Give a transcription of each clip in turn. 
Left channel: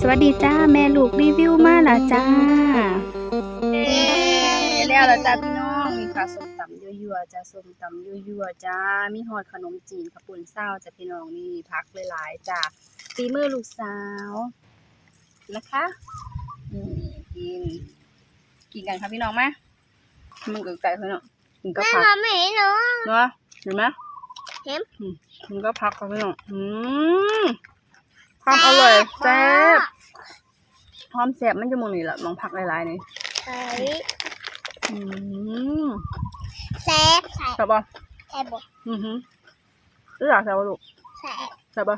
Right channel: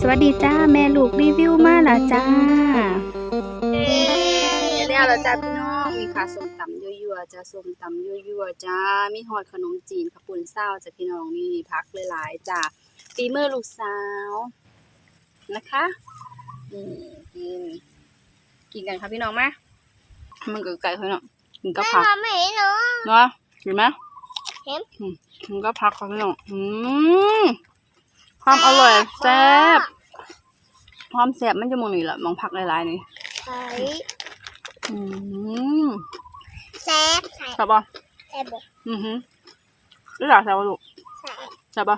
สวัสดีจ้าแม่ลูกรีวิวมาแล้วจ้าแล้วแล้วจ้าพี่น้องมีค่ะส้มตำยั่วๆจ้าส้มตำยั่วๆจ้ามีฮอดขนมจีนข้าวปุ้นเศร้าจ้าพี่น้องนี่พักหลายๆจ้าฝีมือลูกสาวนะคะนี่กินกินกันค่ะพี่น้องไหมมันเกิดไก่พี่น้องกินก็แม่พักทำไม่เห็นเนาะเนาะเห็นไหมเห็นอืมมันก็พักค่ะพี่น้องอืม ความอร่อยแซ่บความแซ่บมันจะมองนี่แหละมองพักหลายๆนี่ใส่อืมแซ่บใส่แซ่บป่ะแซ่บบ่อือหือรู้จักแซ่บป่ะลูกใส่แซ่บป่ะ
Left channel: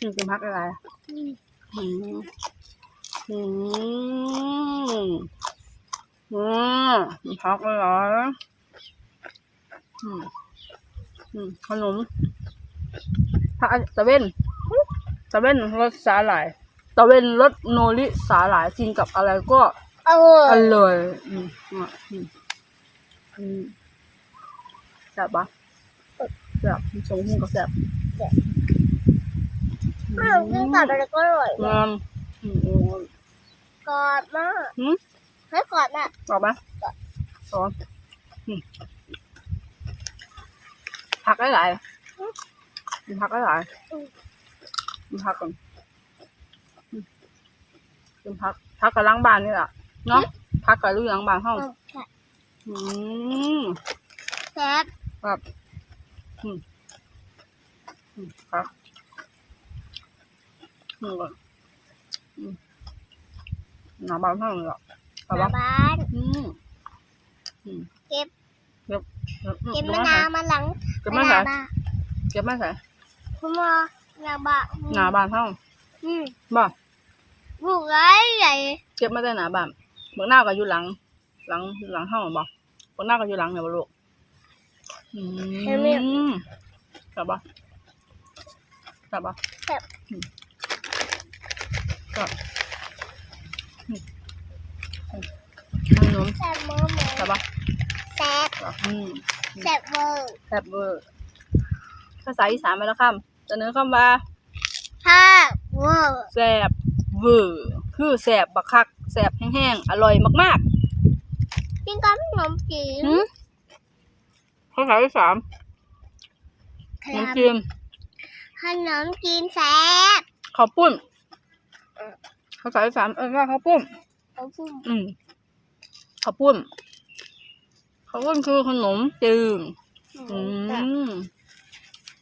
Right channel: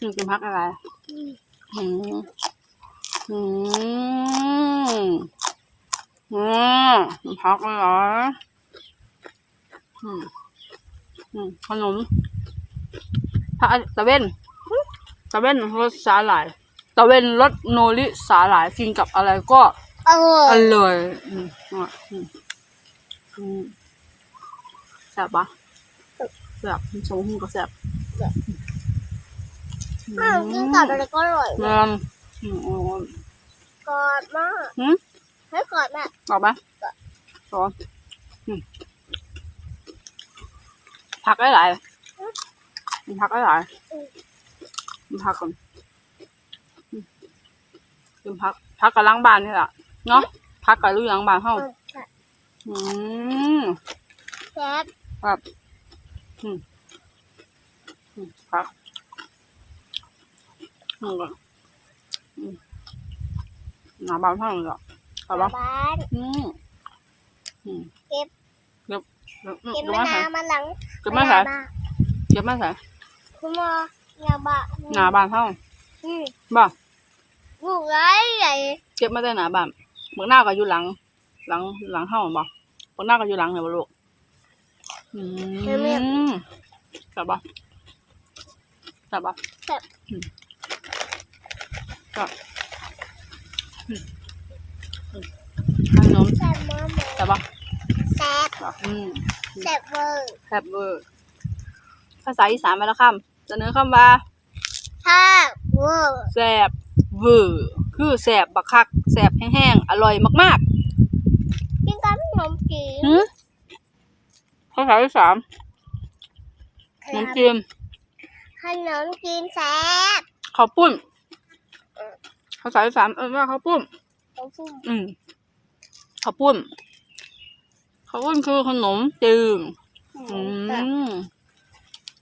อืมกินพักอะไรอืมอืมอืมอืมกินพักอะไรอืมอืมขนมผักตะเวน ตะเวนรสสาหร่ายตะเวนรสโนริสาหร่ายกินกับอะไรก็เอออร่อยอืมอะอืมอืมแซ่บปะแซ่บสมหูกับแซ่บแม่กินกับอะไรก็อร่อยงามอืมโอ้ยกอดมากหืมให้กอดน่ะ ออกปะต่ออืมผักหลายๆกินผักหลายๆกิน ผักก่อนอืมกินผักผักกับล้างบานนี่แหละเนาะผักกับลูกล้างบานเฮาเออใช่อืมแซ่บครับอืมอืมครับอืมก่อนอืมหนาบานเท่าไหร่หรอครับมาปะบ้านอืมอืมเก็บเก็บเก็บเก็บเก็บมะมานาใส่วมาหลังเก็บมาใส่มะนาวเก็บมาใส่คุณหมอ หนาบะหนาบานเท่าอืมบ่บุกไรใหญ่เก็บมาได้หนาบานเมื่อหน้าก็อยู่หลัง หลังหลังเท่าบ่เมื่อหน้าก็อยู่หลังเนี่ยบ่ลูกอืมจับบ่จับบ่แซ่บจับอืมอืมขนมแซ่บมากหมูจับบ่แซ่บจับอืมแซ่บเวอร์แซ่บเวอร์ภาษาอีสานมาแล้วคำ เสนอคำว่าแซ่บเวอร์แซ่บเวอร์คือแซ่บบักคักแซ่บแห้งๆ อร่อยมากกินกับขนมจีๆนหืมภาษาที่สามครับน้ำจิ้มขนมจีนแซ่บข้าวปุ้นภาษาที่สามเออว่าข้าวปุ้นเอาฟุ้มอืมข้าวปุ้นข้าวปุ้นคือขนมจีน อืม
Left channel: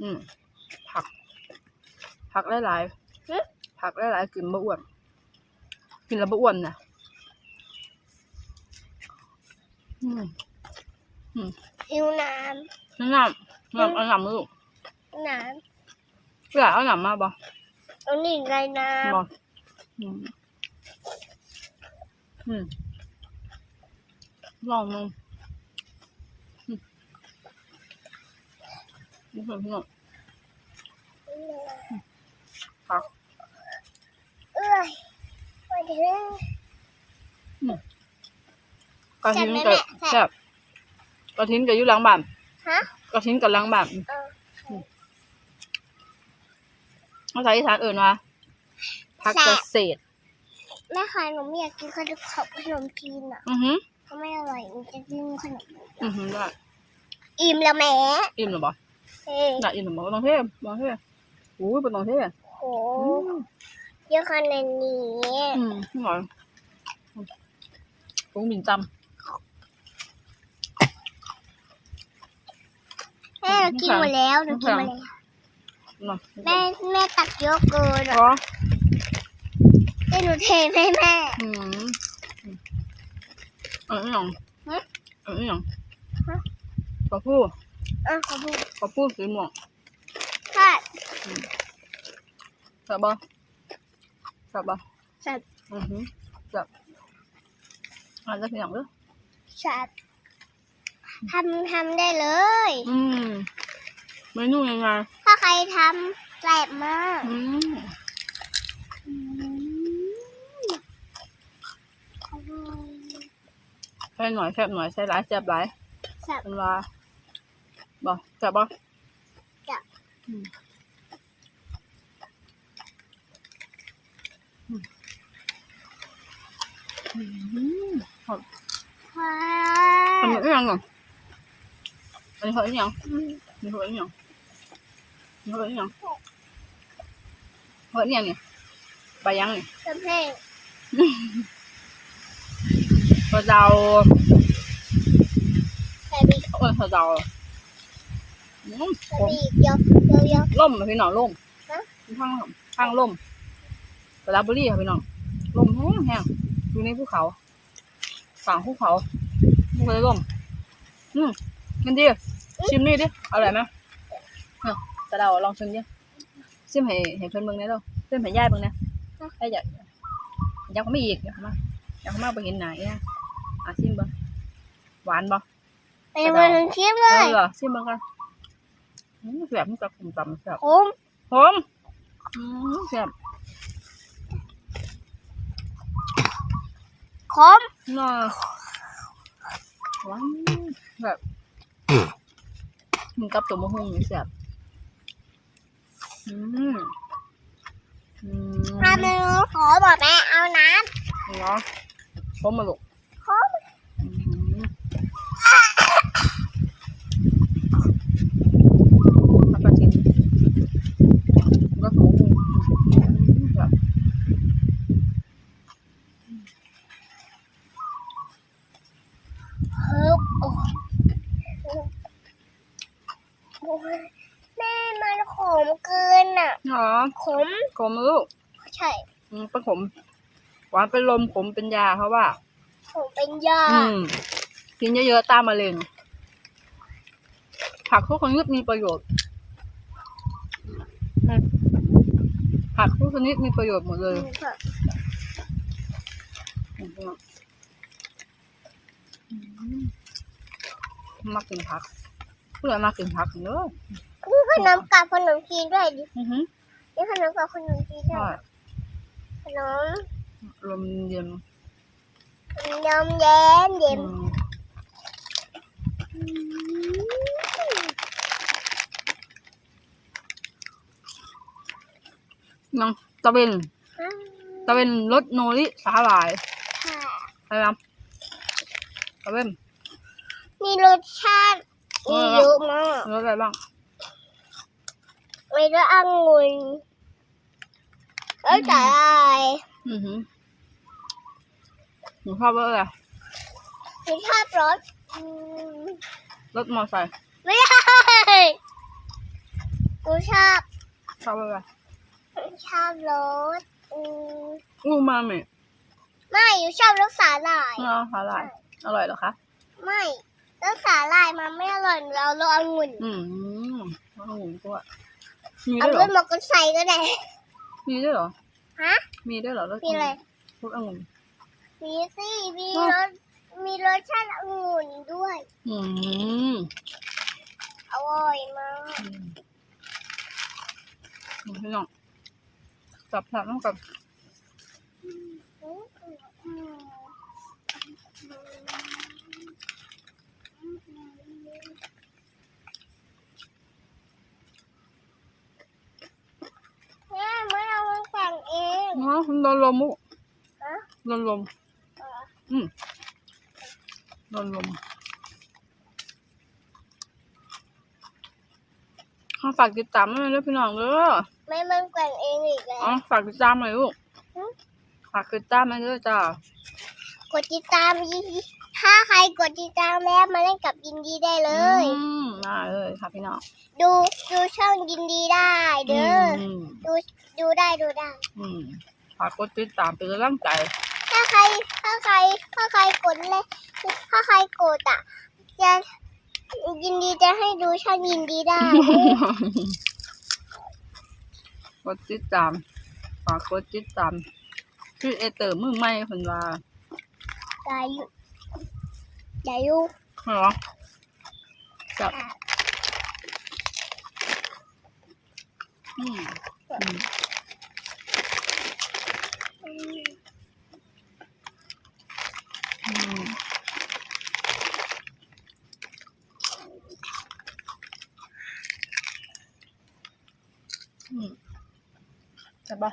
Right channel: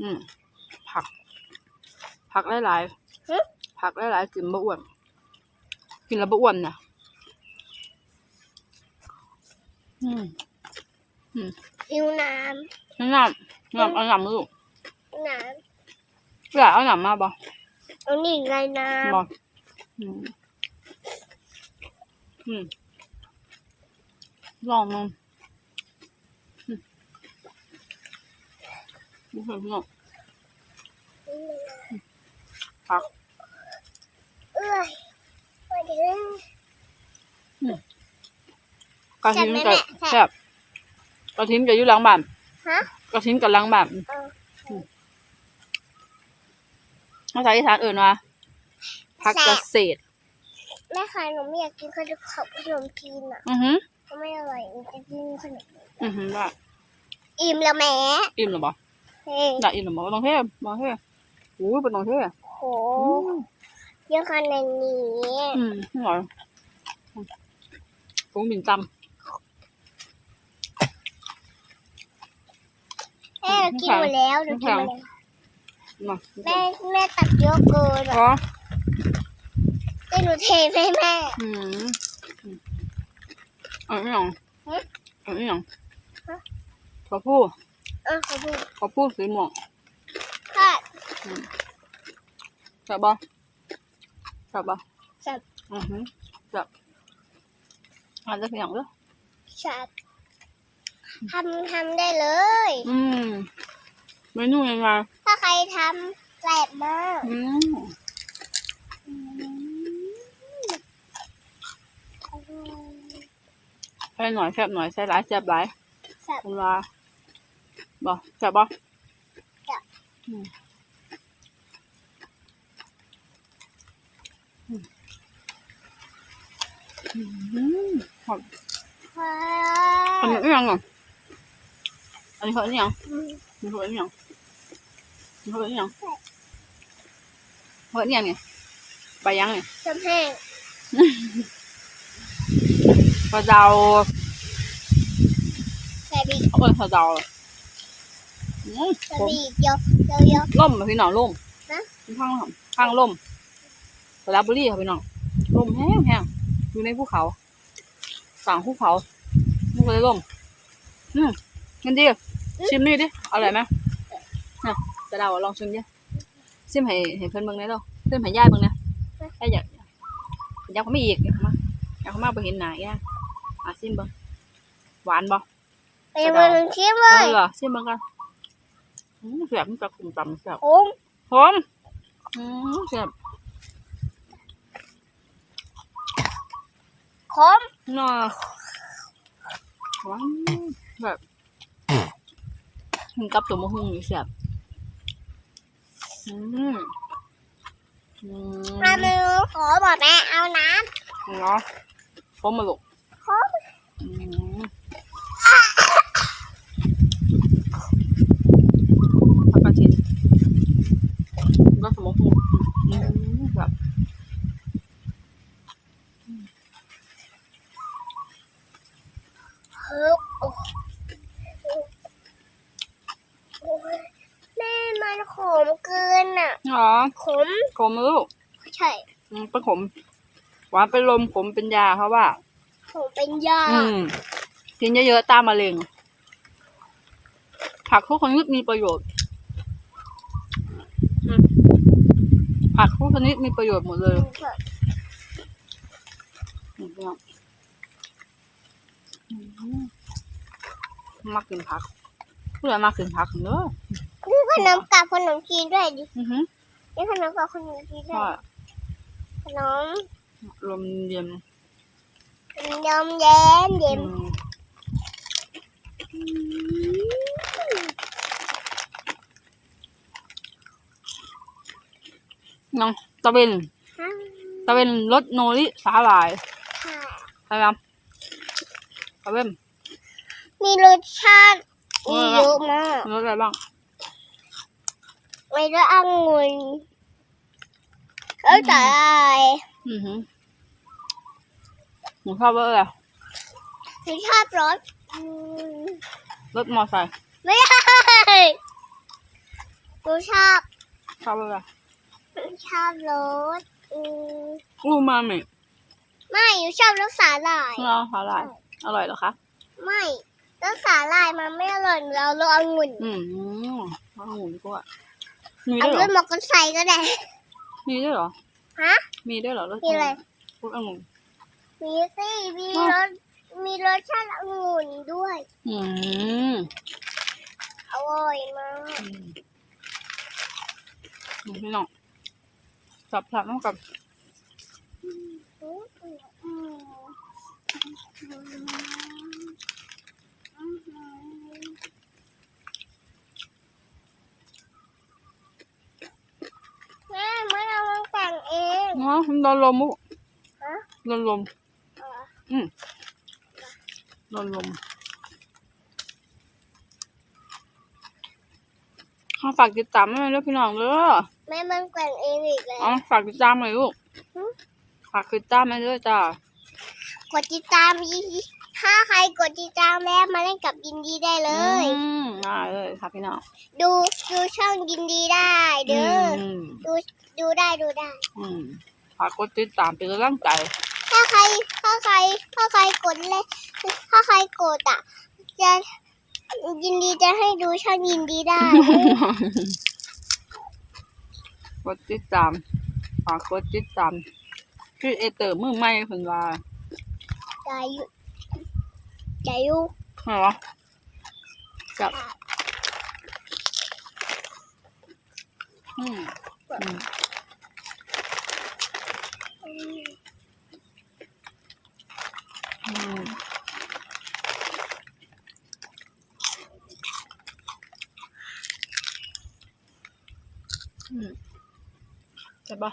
อืมผัก ผักหลายๆผักหลายๆกินบะอ้วน กินแล้วบะอ้วนนะอืมหิวน้น้ำน้ำน้ำเอาหนำมาลูกำน้อยากเอาหนำมาบ่ำอันนี้ไรน้บ่อืมอืมลองลองอื มนี่คือพี่น้องำผักเอ้ยมาถึง กระทิ้งแซ่กับบไหมแม่แซ่บกระทิ้งกับอยู่หลังบ้านฮะกระทิ้งกับหลังบ้านเออภาษาอีสานเอื่นว่าผักเกษตรแม่ค่ะหนูไม่อยากกินขนมขนมจีนอะอือหือก็ไม่อร่อยหนูจะกินขนมอือหือได้อิ่มแล้วแหม่อิ่มหรือบ่เฮ้ยได้อิ่มหรือบ่บ่ต้องเทบ่ต้องเทโอ้ยบ่ต้องเท โหเยอะขนาดนี้อืมอร่อยผงบินตแม่เรากินหมดแล้วหนูกินหมดแล้วำมาแม่แม่ตักเยอะเกินอะอ๋อแต่หนูเทให้แม่ อืมเอันนี้หยังฮะเอันนี้หยังฮะปลาผู้เออขอบคุณปลาผู้สีม่วงค่ะ จับบ่จับบ่จับอือหือจับอาจจะเพียงเด้อจับทำทำได้เลย อืมเมนูยังไงถ้าใครทำแซ่บมากอืมอร่อยใส่หน่อยแซ่บหน่อยใส่หลายแซ่บหลายแซ่บเป็นว่าบ่จับบ่จับอืม อืมหอมว้าอันวนี้อีหยังอะอันนี้เขาอีหยังอืมอันนี้เขาอีหยังอันนี้ ระเดาใส่บีบเอาเป็นกระเดาอืมใส่ผมบีบเยอะเยอะเยอะล่มอะพี่น้องล่มฮะข้างข้างล่มกระดาบุรีค่ะพี่น้องล่มแห้งแห้งอยู่ในภูเขาฝั่งภูเขามันก็เลยล่มอืมกินดิชิมนี่ดิอร่อยไหมเนี่ยกระเดาลองชิมดิชิมให้ให้เพื่อนเบิ่งได้เด้อชิมให้ยายเบิ่งเนี่ยยายอยากอยากเขาไม่อีกอยากเขามาอยากเขามาไปเห็นหน้าย่าอะชิมเบิ่งหวานบ่ไปมันชิมเลเอยอเหรอชิมเบิ่งกันอืมแซ่บมันจะกลุ่มตำแซ่บผมหอมอืมแซ่บ มน่าหวานแบบกินกับตัวมะฮุ่งนี่แซ่บอืมอืมอันหนึงขอบอกแม่เอาน้เนาะพร้อมมาลูกำขมอืมผักกระเทียมแล้วตัวมะฮุ่งอืมแบบ ฮึบโอ้โอ้ย แม่มันขมเกินอะ อ๋อ ขม ขมลูกใช่อืมเป็นขม หวานเป็นลมขมเป็นยาเขาว่า ขมเป็นยา อืมกินเยอะๆต้านมะเร็ง ผักทุกชนิดมีประโยชน์อืมผักทุกชนิดมีประโยชน์หมดเลยอืมอืมมักกินผัก ผู้ใดมักกินผักเนอะนี่ขนมกับขนมจีนด้วยดิอือหือนี่ขนมกับขนมจีนด้วใช่ยขนมลมเย็นยำแย้มเย็นอืมน้องตะเวนตะเวนรสโนริสาหร่ายค่ะ อะไรครับตะเวนมีรสชาติ มีเยอะมากรสอะไรบ้างมีรสองุ่นรสสาหร่ายอือหือหนูชอบรสอะไรรสชาติรสอืมรสมอไซค์ไม่ใช่รสชาติชอบรสอะไรรสชาติรสอืมอูมามิไม่หนูชอบรสสาหร่าย เนาะสาหร่ายอร่อยเหรอคะ ไม่ รสสาหร่ายมันไม่อร่อยเรารสองุ่นอืมเอาหมูดีกว่ามีเอาด้วยเหรรอสมอกันใส่ก็ได้ มีด้วยเหรอฮะ มีด้วยเหรอรสมีอะไร รสองุ่น มีสิมีอ้าว รสมีรสชาติองุ่นด้วย อืมอร่อยมากอืมอืมพี่น้องจับจับน้องกับอืมอืมแม่เมื่อเรามาแต่งเอง เนาะโดนลมมุฮะโดนลมอ๋ออืมโดนลมขอฝากติดตามให้ด้วยพี่น้องเด้อแม่มันแต่งเองอีกแล้วอ๋อฝากติดตามหน่อยลูกหึฝากติดตามให้ด้วยจ้ากดติดตามยินดีถ้าใครกดติดตามแล้วมาเล่นกับยินดีได้เลย อืมได้เลยค่ะพี่น้องดูดูช่องยินดีได้ เด้ออมดูดูได้ดูได้ อืม ฝากกดติดตามเป็นกำลังใจ ถ้าใครถ้าใครถ้าใครกดเลยถ้าใครกดอะ จะยินดีจะให้ดูช่องยินดีได้ กดติดตามฝากกดติดตามคือเอเตอร์มือใหม่เพิ่นว่าใจอยู่ใจอยู่เหรอจับอืม อืม ใช่ปะ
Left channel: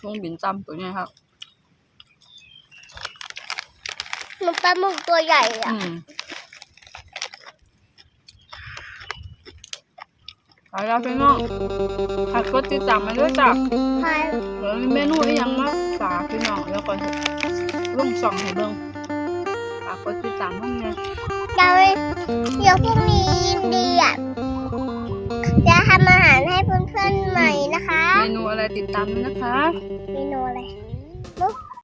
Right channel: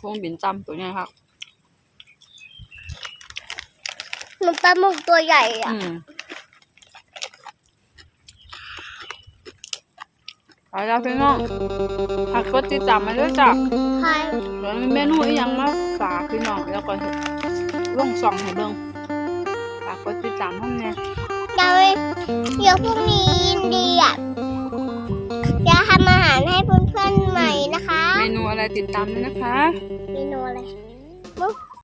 ฟงบินจำตัวนี้ครับมันปลาหมึกตัวใหญ่อะไปแล้วพี่น้องผักก็ติดตามมาด้จับใช่แล้วเมนูอีย่างมาจากพี่น้องแล้วก็ลงส่องให้เบิ่งฝากกดติดตามห้องไง ยเดี๋ยวเดี๋ยวพรุ่งนี้ยินดีอะจะทำอาหารให้เพื่อนๆใหม่นะคะ เมนูอะไรติดตามด้วยนะคะ เมนูอะไรเ